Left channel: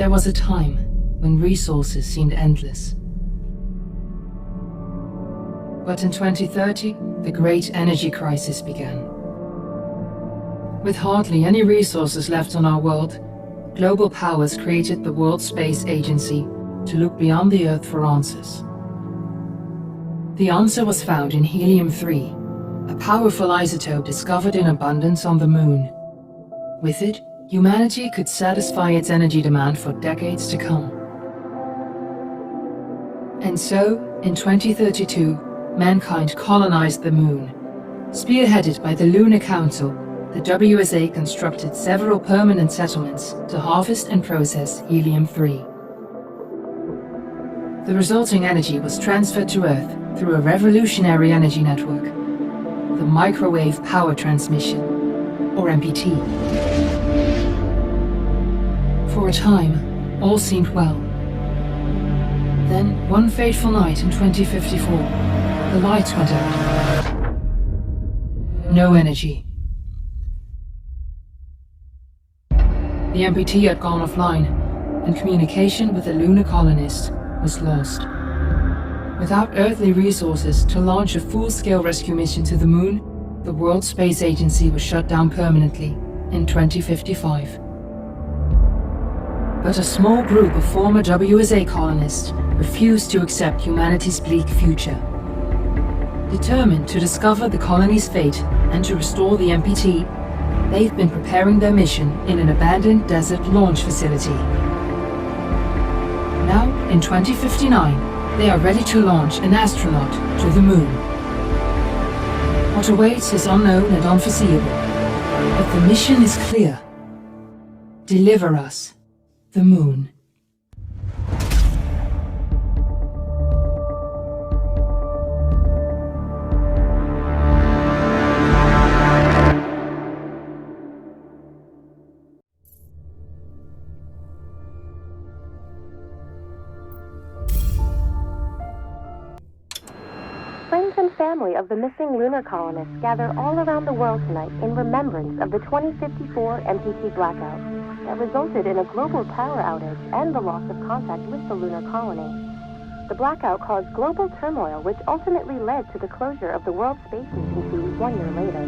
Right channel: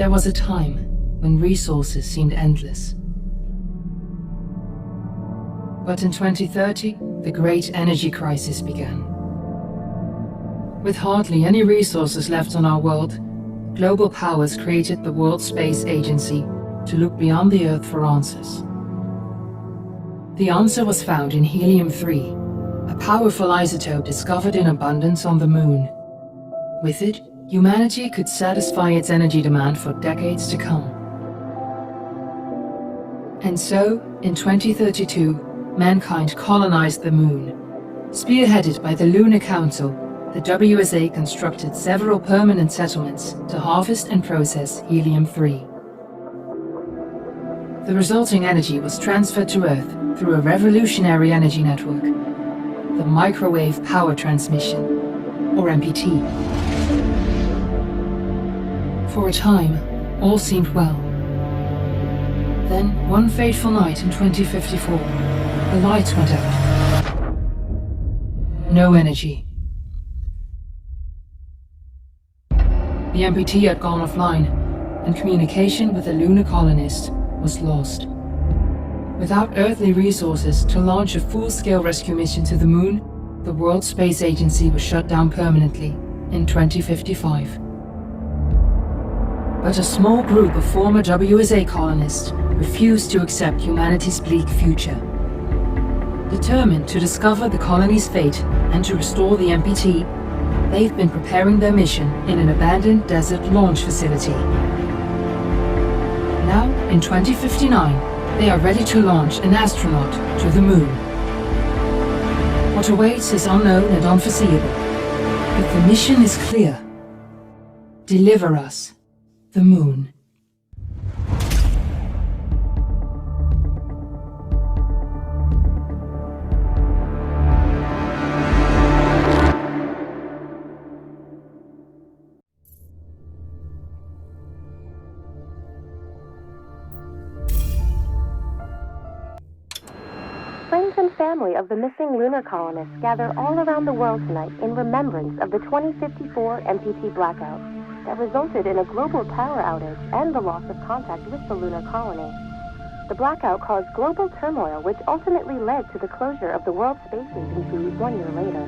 There was a time when resources seemed endless. But in 2030, the great energy crisis began. With hardly any resources left on our world, global powers created the World Space Agency to look beyond the Earth for answers. The answer was found in helium-3, a powerful isotope discovered in abundance on the Moon. With it, humanity could satisfy its energy demand for decades to come. And so, in 2032, mankind colonized the Moon. Spearheaded by the Lunar Council, the WSA constructed several permanent settlements to harvest and process helium-3. The resulting energy was transferred to Earth through a revolutionary energy network, the Microwave Power Transmission, or MPT. For a time, all seemed well. Then, one fateful night in 2054, the lights went out. No energy. The MPT had gone offline, and communication with the lunar colonist was lost. Without earthly resources to launch a full-scale rescue mission to the Moon, the World Space Agency was shut down permanently in 2055. But a small group of former WSA colonists refused to accept humanity's bleak future. Determined to discover the colony's fate and to restore the MPT, they've been preparing their mission in an abandoned desert launch facility. Now, in 2059, they are ready to launch an astronaut to the Moon. What awaits is unknown and unforeseeable, but the mission is clear. Deliver us the Moon. Friends and family of the missing lunar colonists gather all around the world tonight in remembrance of the 2054 MPT blackout that resulted in a global power outage and the loss of contact with the lunar colony. The blackout caused global turmoil, which ultimately led to the closure of the World Space Agency 1 year later.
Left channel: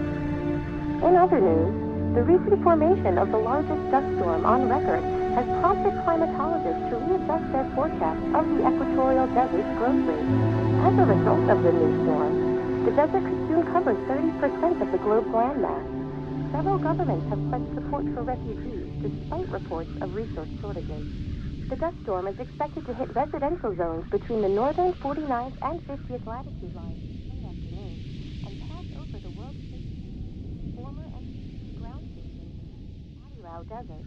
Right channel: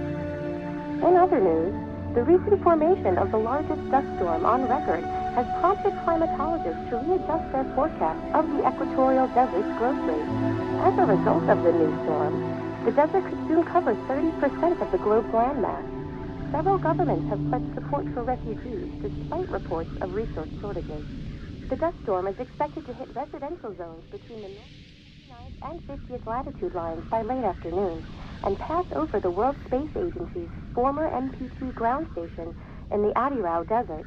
In other news, the recent formation of the largest dust storm on record has prompted climatologists to readjust their forecast of the equatorial desert's growth rate. As a result of the new storm, the desert could soon cover 30% of the globe's landmass. Several governments have pledged support for refugees, despite reports of resource shortages. The dust storm is expected to hit residential zones between the northern 49th and 50th latitude lines by late afternoon, and pass over the World Space Agency's former MPT ground station in the Adirau Desert.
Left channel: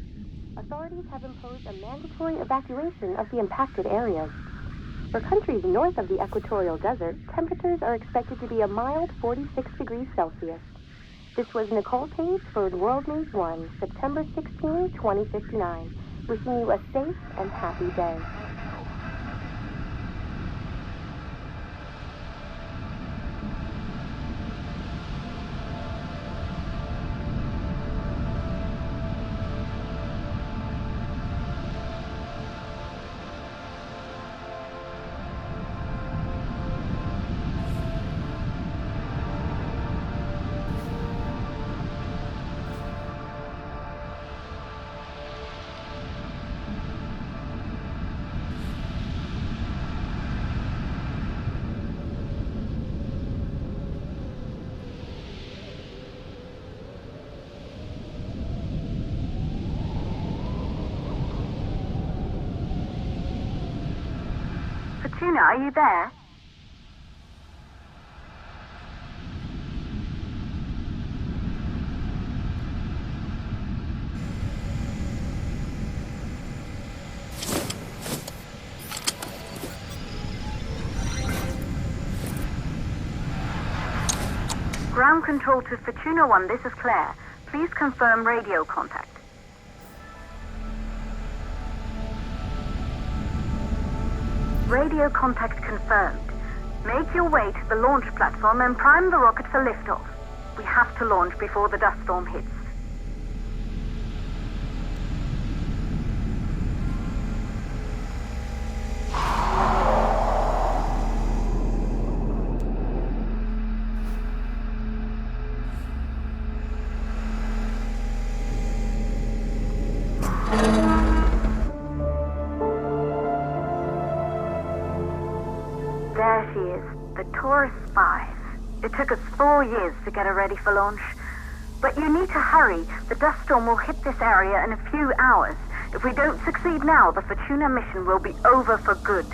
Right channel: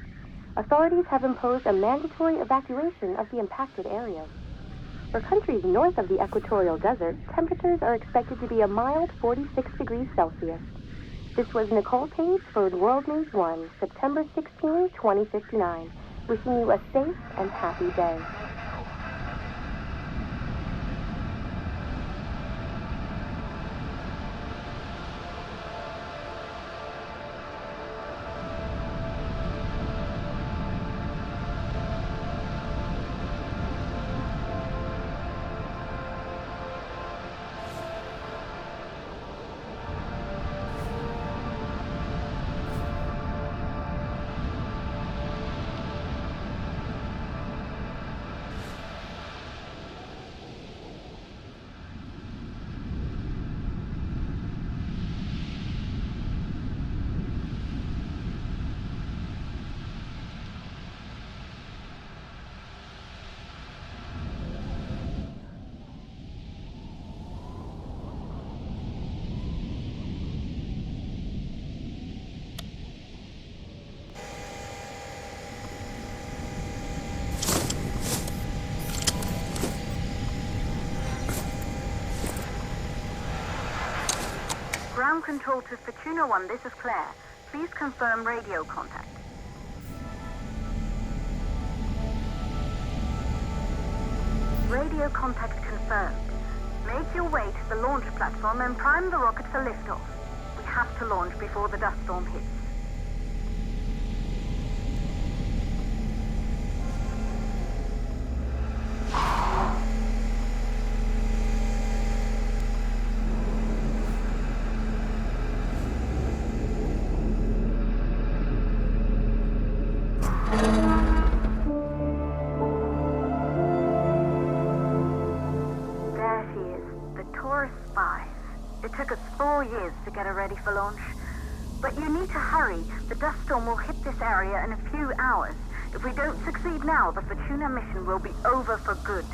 Authorities have imposed a mandatory evacuation of the impacted areas. For countries north of the equatorial desert, temperatures are expected to be a mild 46 degrees Celsius. This was Nicole Page for World News 1, September 16, 2059. Wishing you a safe and happy day. Fortuna, are you there? Ground control to Fortuna 1, this is Claire. Please confirm radio contact. Radio contact confirmed. Make your way to the launch platform and prime the rocket for liftoff. We have to launch before the dust storm hits. Taurus 5. It took us 4 years to get it ready for launch. But you need to hurry. The dust storm will hit this area in a few hours. If we don't succeed now, the Fortuna mission will be over for good.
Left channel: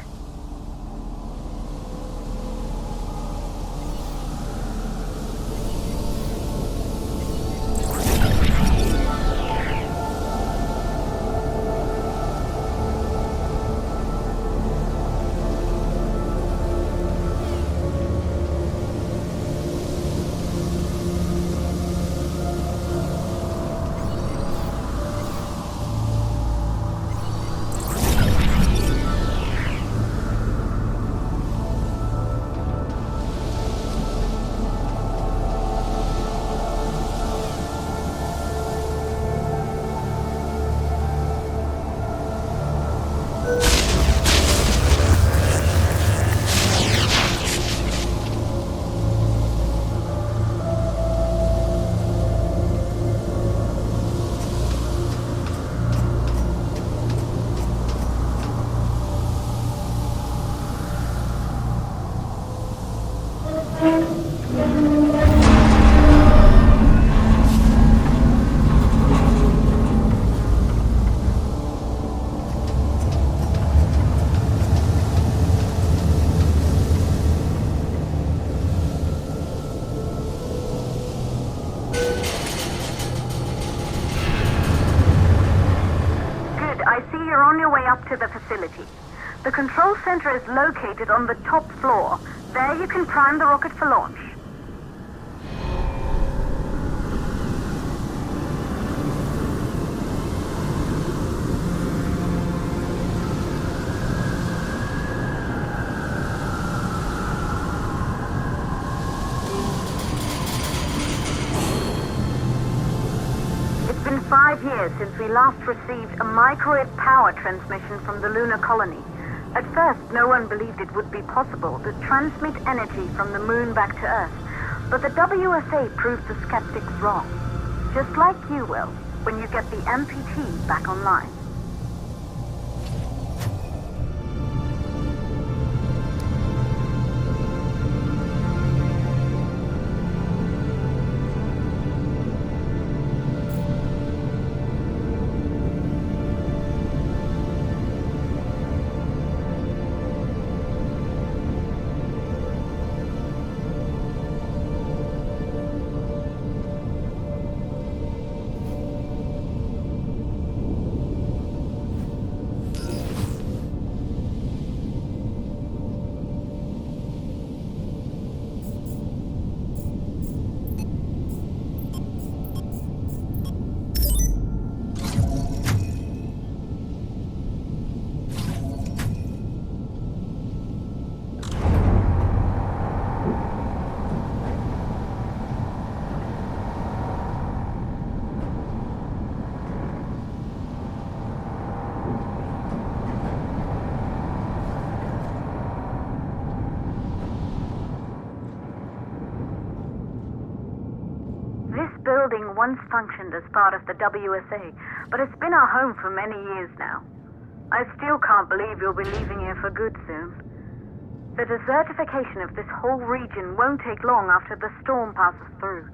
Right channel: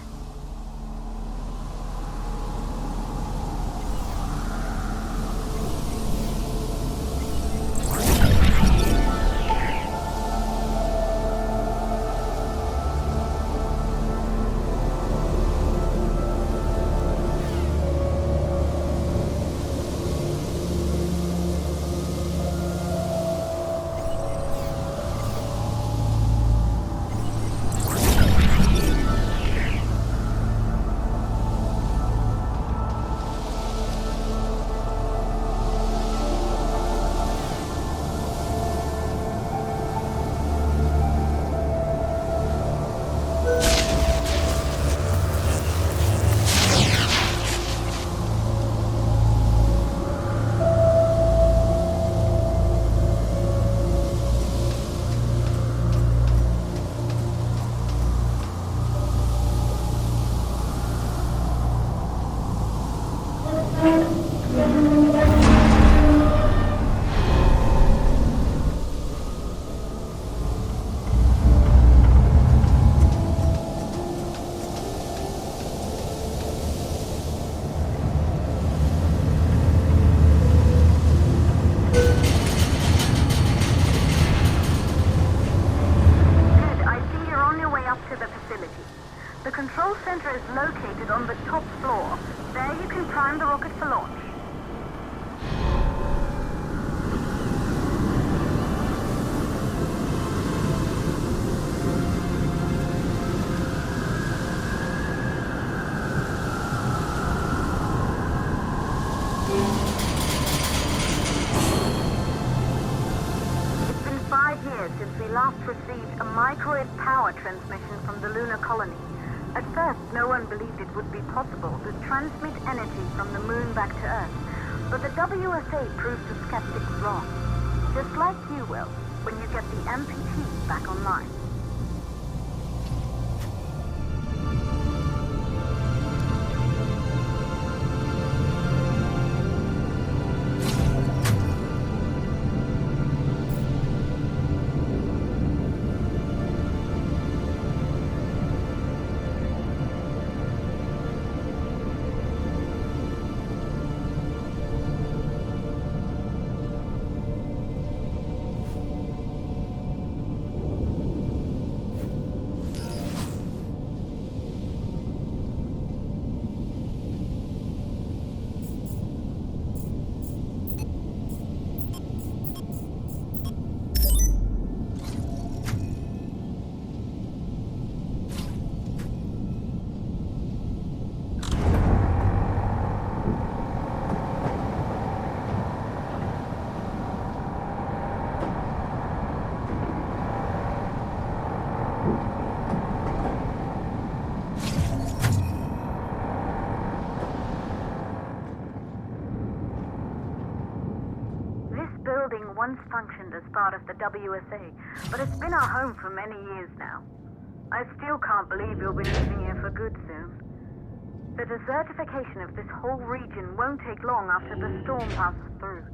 To the facility. The control center is located on the top floor. There you can prime the rocket for launch. It's been 5 years since we last received a microwave power transmission from the lunar colony. At first, no one believed it would be possible to transmit energy from the moon back to Earth. But the WSA proved the skeptics wrong. Just like you will, when you get the MPT back online. Building once functioned as part of the WSA, but it's been our home for many years now. I still can't believe you'll be leaving here for good soon. The desertification of this whole region won't take long after the storm passes through.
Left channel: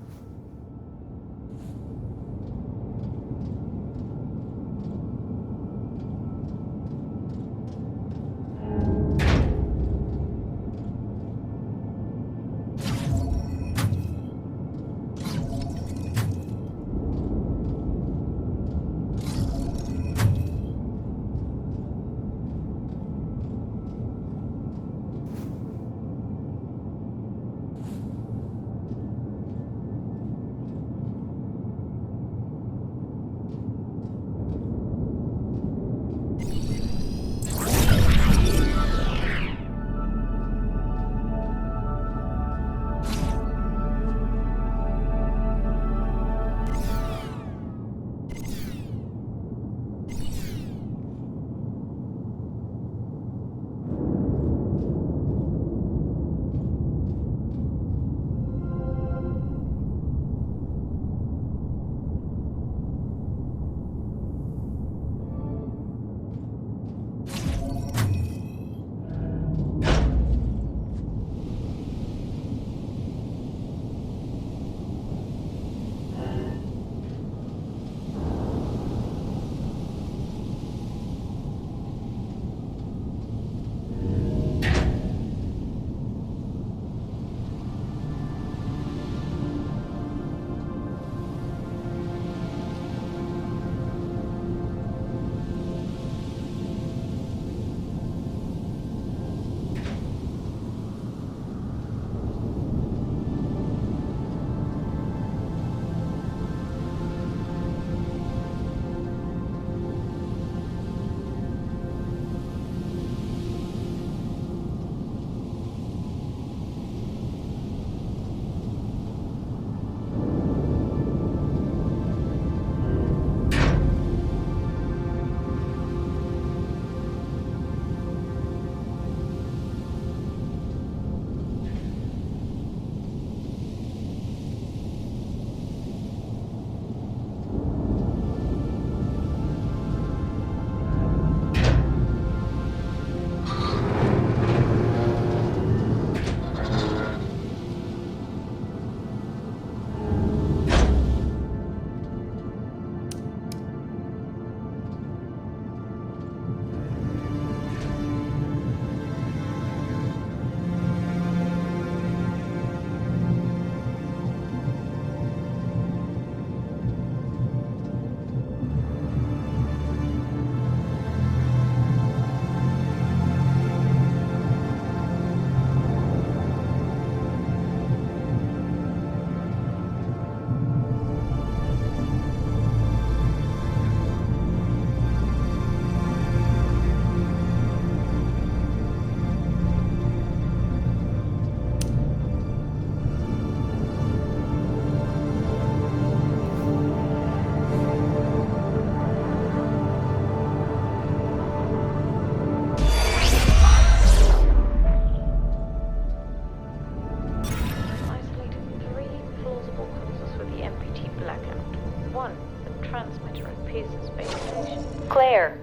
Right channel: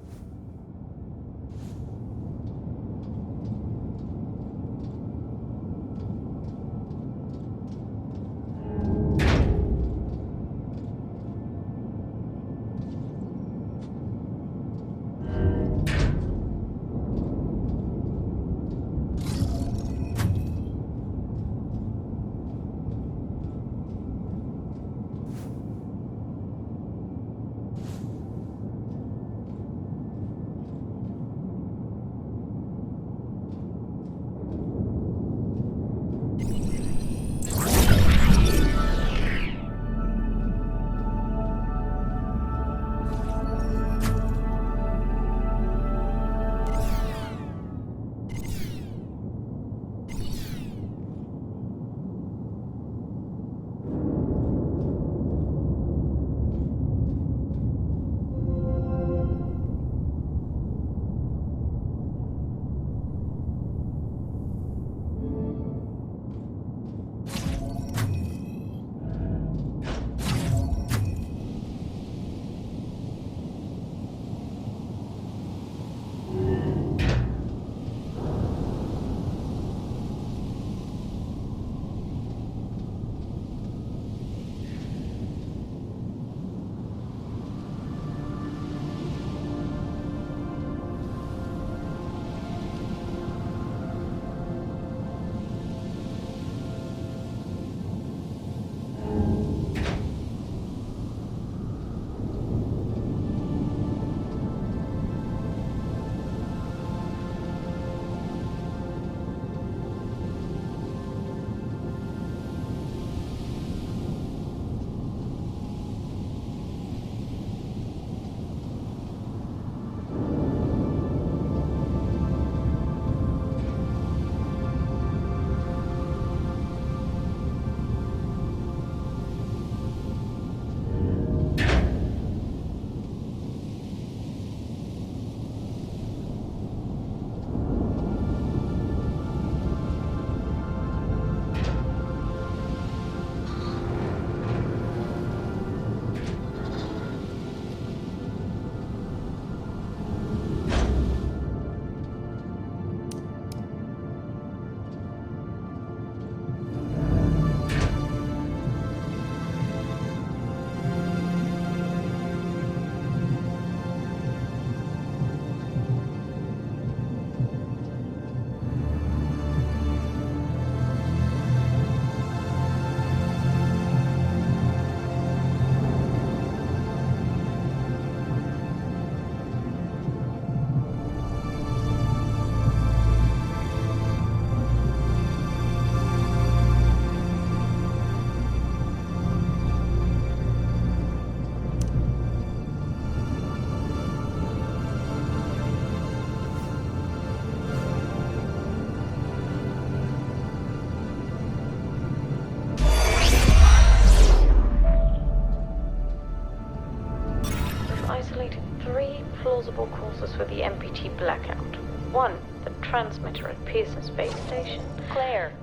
transmitter at Pearson Space Station. Claire,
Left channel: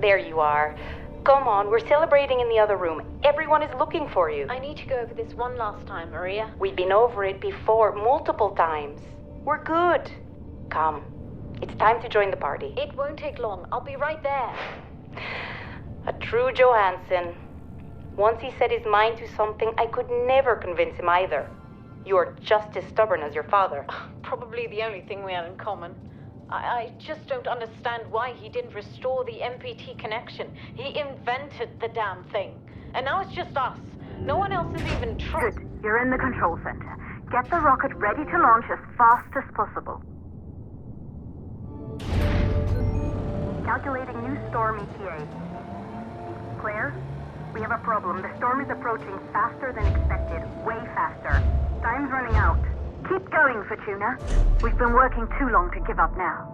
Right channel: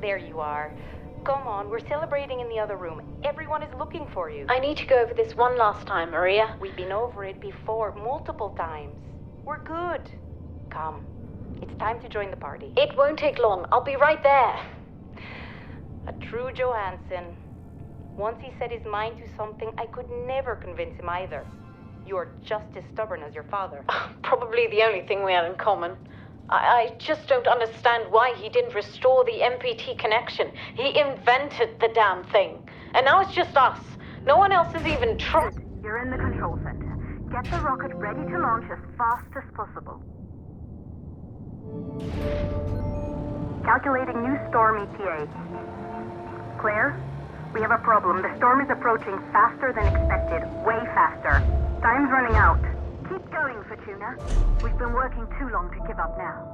there you are. Come on, we're celebrating in the other room. Everyone is looking for you. I need to go over this one last time, Maria. We've been over it before, multiple times. We're good. Come, it's time to join the party. It won't take long. I'll be right there. A true Johansson. Once he set his mind to something, I could never convince him either. You're just as stubborn as your father. Probably the only thing we have in common. I just don't understand why he didn't restore the MPT connection. He invented the damn thing. And now it's just us. No one else is even trying. Good. You're in the control center. Get the rocket ready to launch as fast as possible. Calculating new storm ETA. Claire, we have a problem. The storm is approaching faster than expected. Way faster. Time's running out. Keep going, Fortuna. We've been working too long to give up now.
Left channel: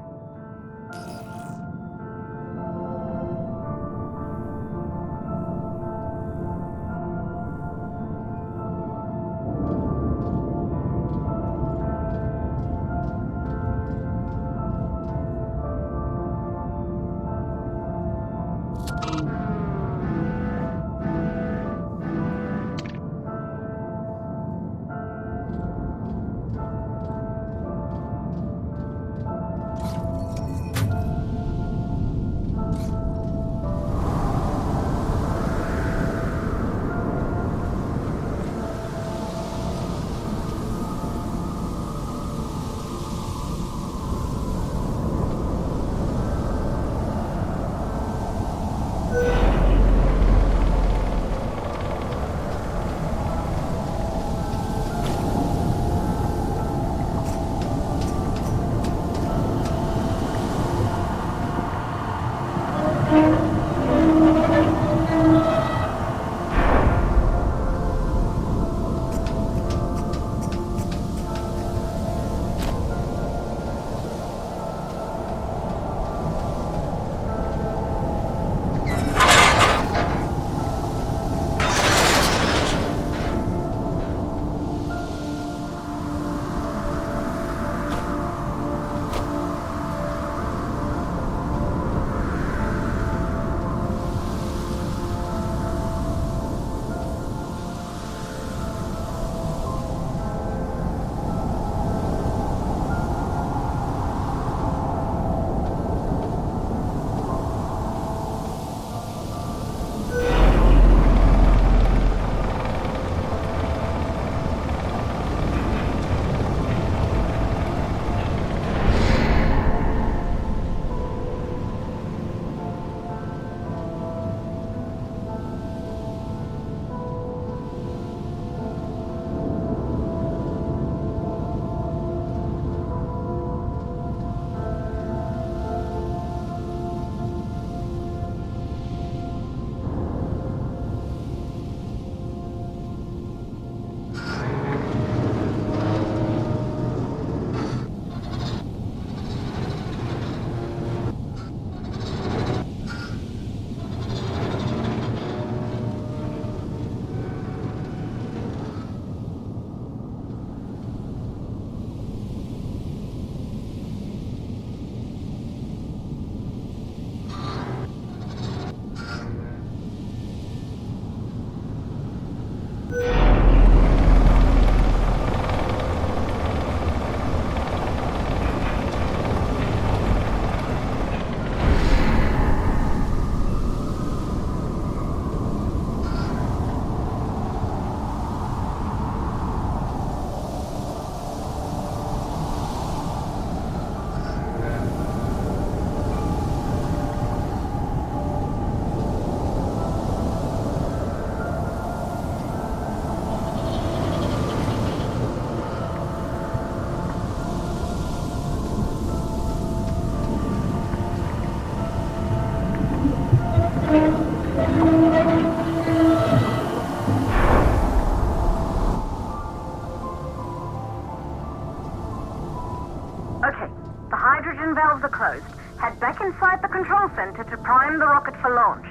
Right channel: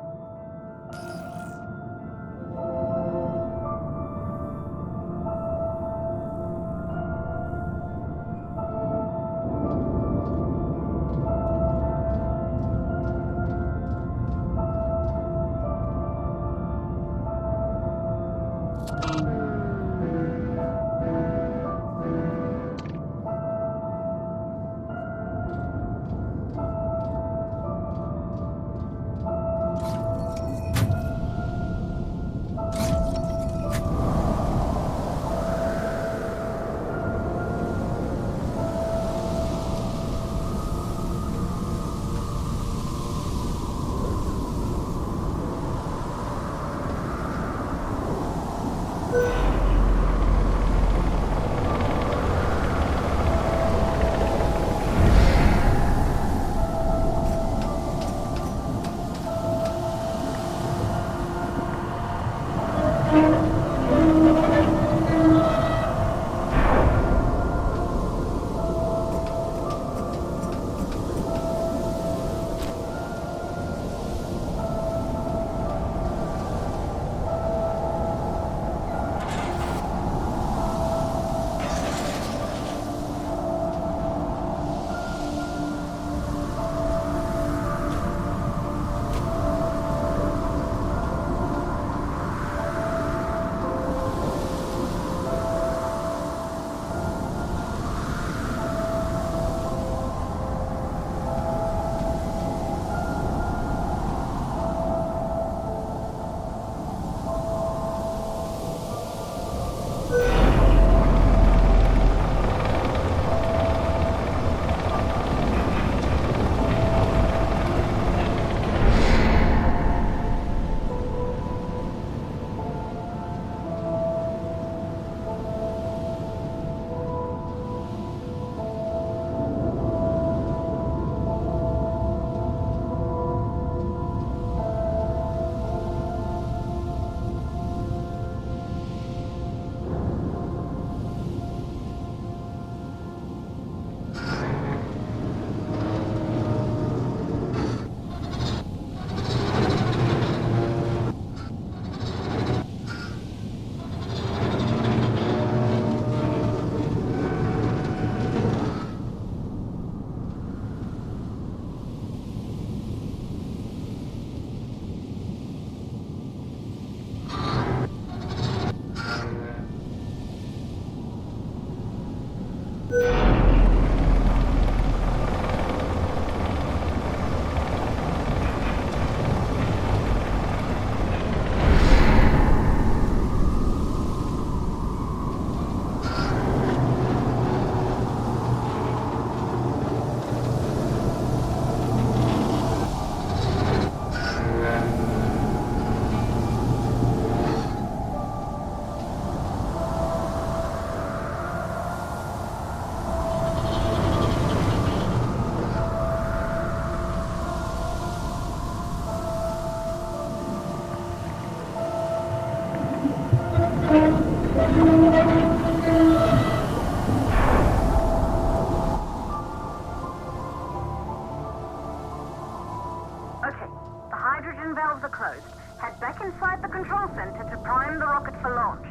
Okay, the hydrogen valves are closed. Head back inside the control center to prime the rocket for launch.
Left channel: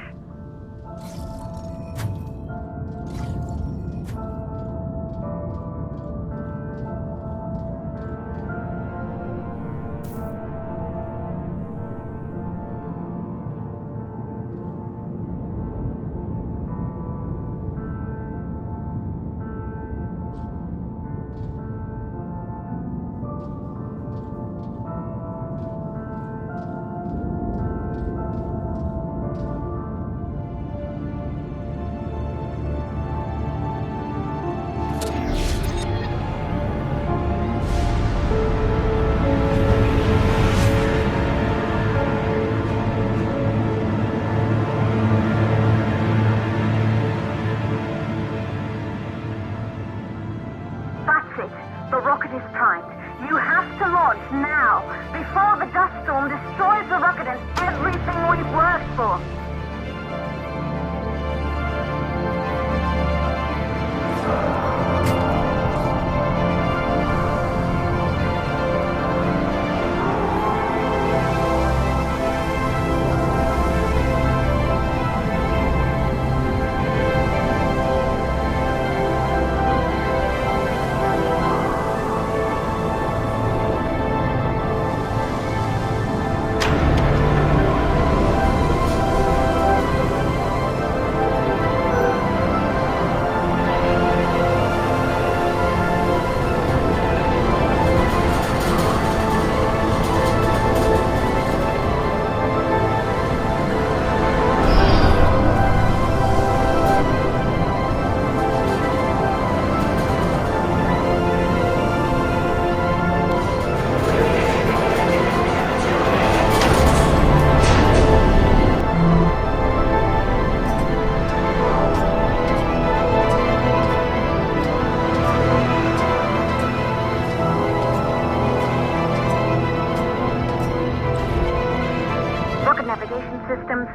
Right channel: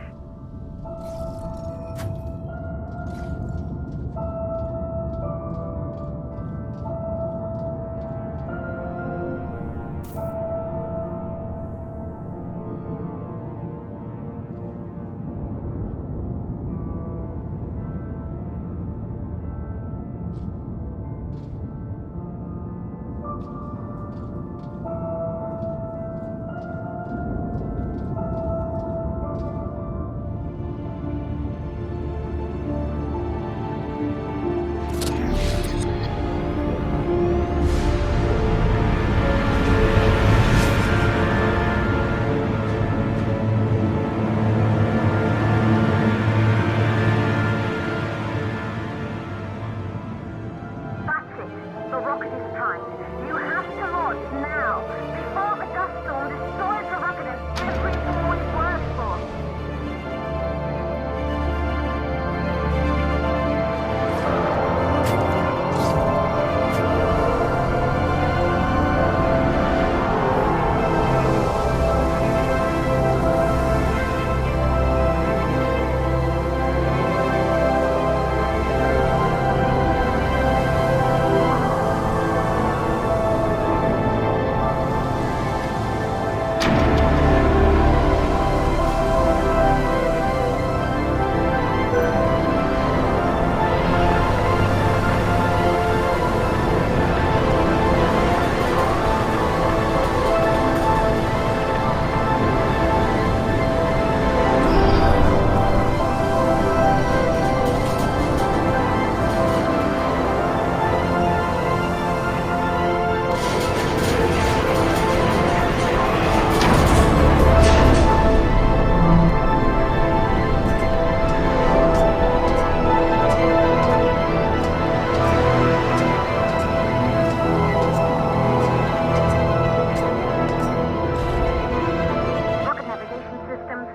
navigation systems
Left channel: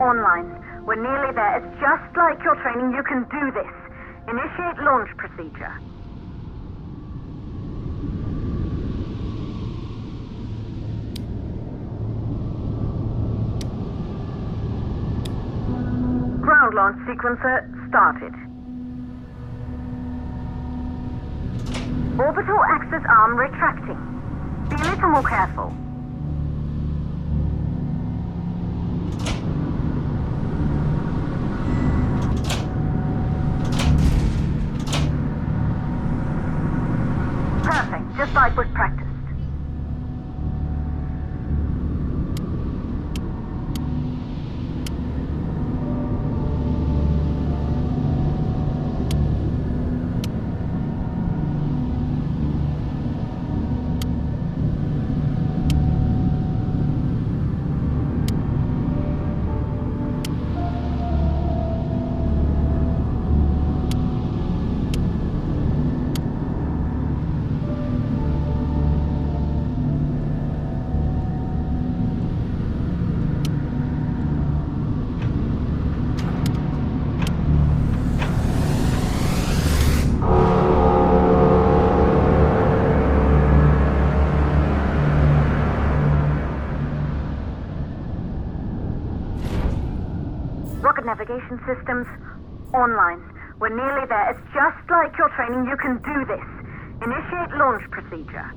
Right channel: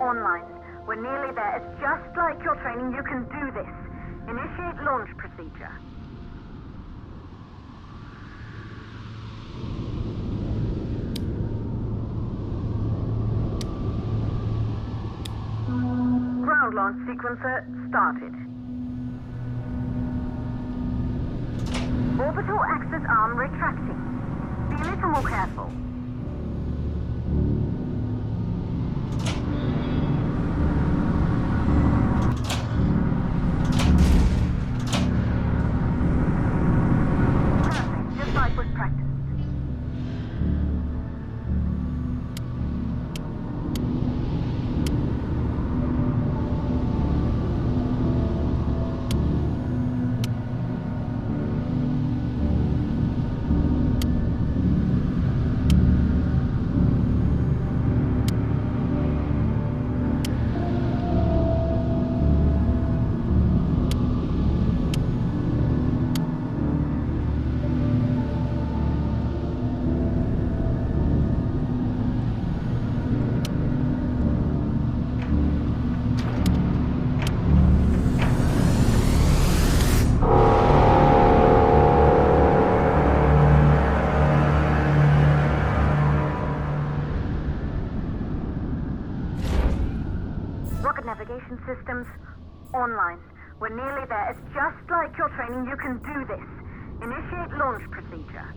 online. We're nearly there. It's just like your training. You can do this. Initiate launch procedure. Ground launch sequencer started. Orbital axis arm retracting. Be a little more careful. Perfect, just like was practiced. Rocket navigation systems online. We're nearly there. It's just like your training. You can do this. Initiate launch procedure.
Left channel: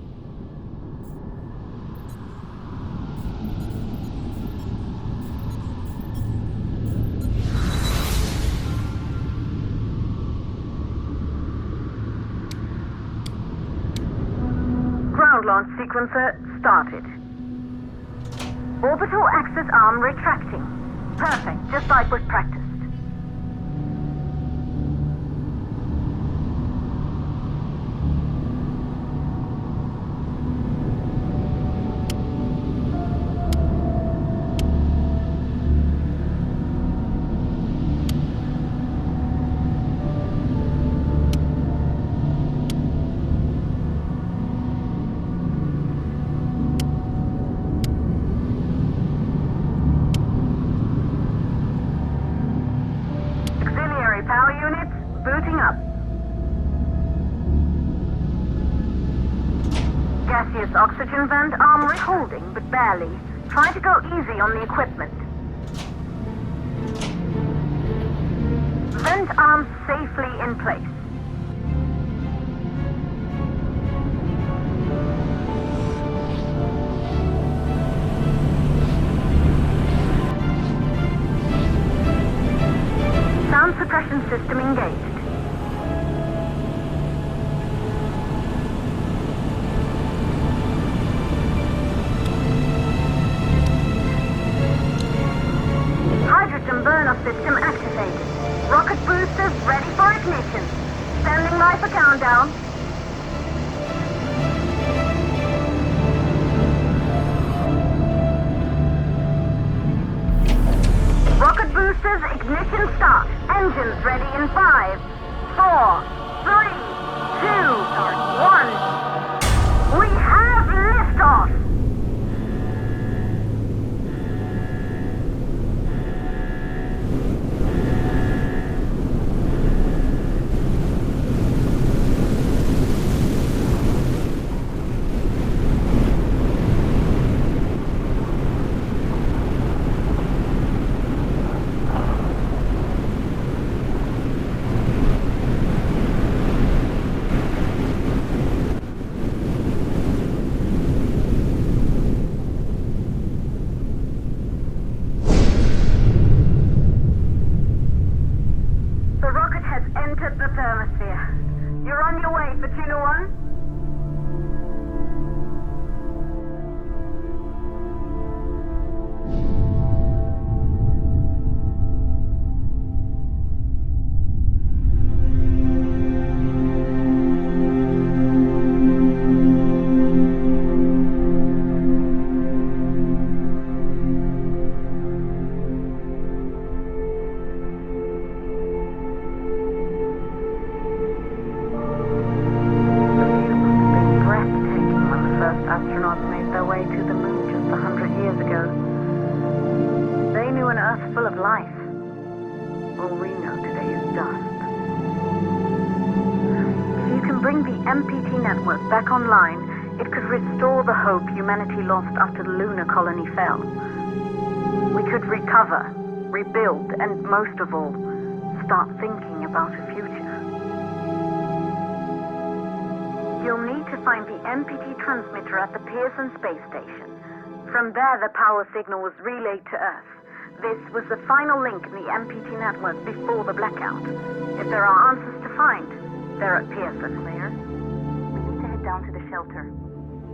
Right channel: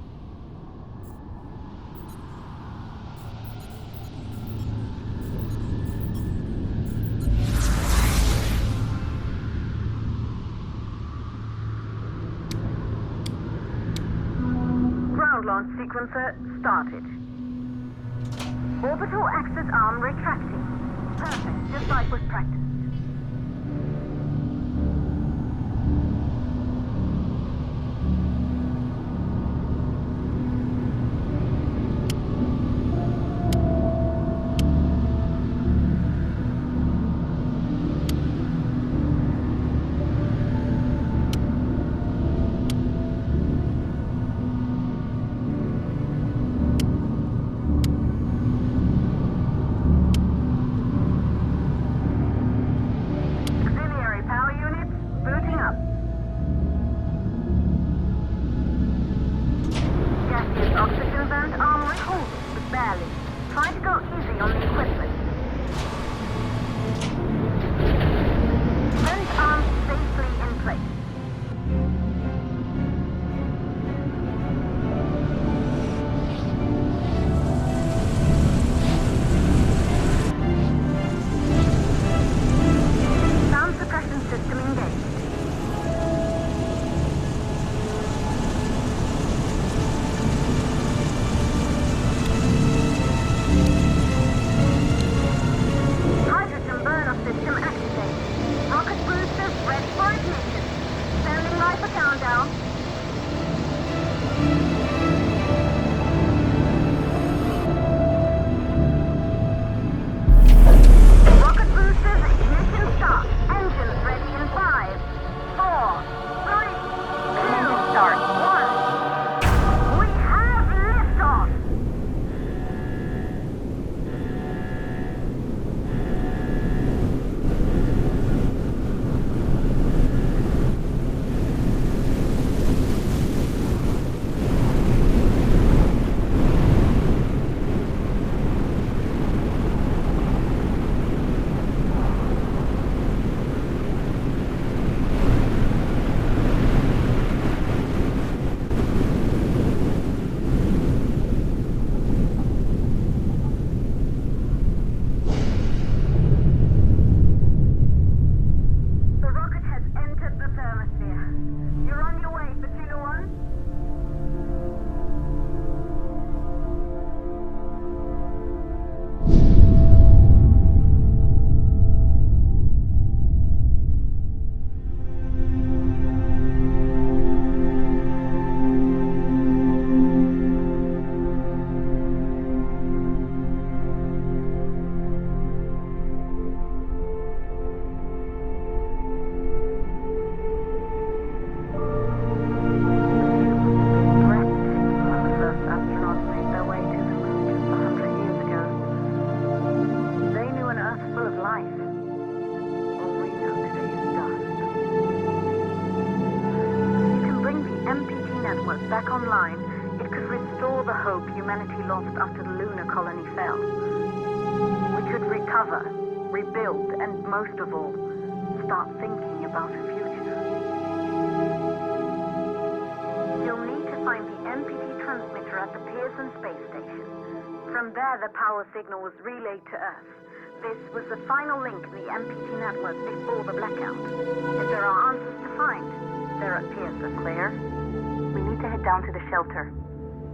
Ground launch sequencer started. Orbital axis arm retracting. Perfect, just like was practiced. Power units booting up. Gaseous oxygen vent arm holding, but barely. Try to go easy on the equipment. Vent arms safely in place. Sound suppression system engaged. Hydrogen burner system activated. Rocket boosters ready for ignition. Standing by for countdown. Rocket boosters ignition start. Engines ready in 5, 4, 3, 2, start, 1. We have liftoff! full of life. All we know today is dust. If you can bring the MPT network back online, it could restore the hope humanity lost after the lunar colony fell. We could recover, rebuild, and most of all, start thinking about a future. You'll need to find the MPT transmitter at the Pearson space station. From there, the power signal was relayed to Earth. This was the final link in the MPT network before the blackout. If there are answers to find, they're at Pearson. Claire, we need to head down to the shelter.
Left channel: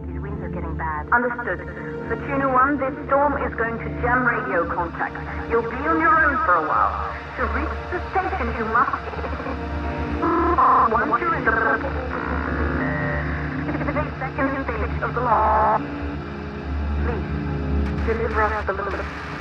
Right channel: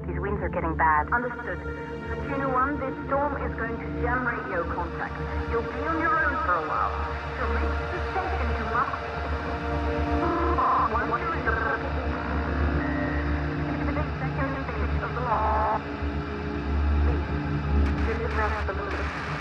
These winds are getting bad. Understood. For Tuna 1, this storm is going to jam radio contact. You'll be on your own for a while. To reach the station, you must... Once you're in the... 58 seconds stage of the launch. Please, deliver us the loop.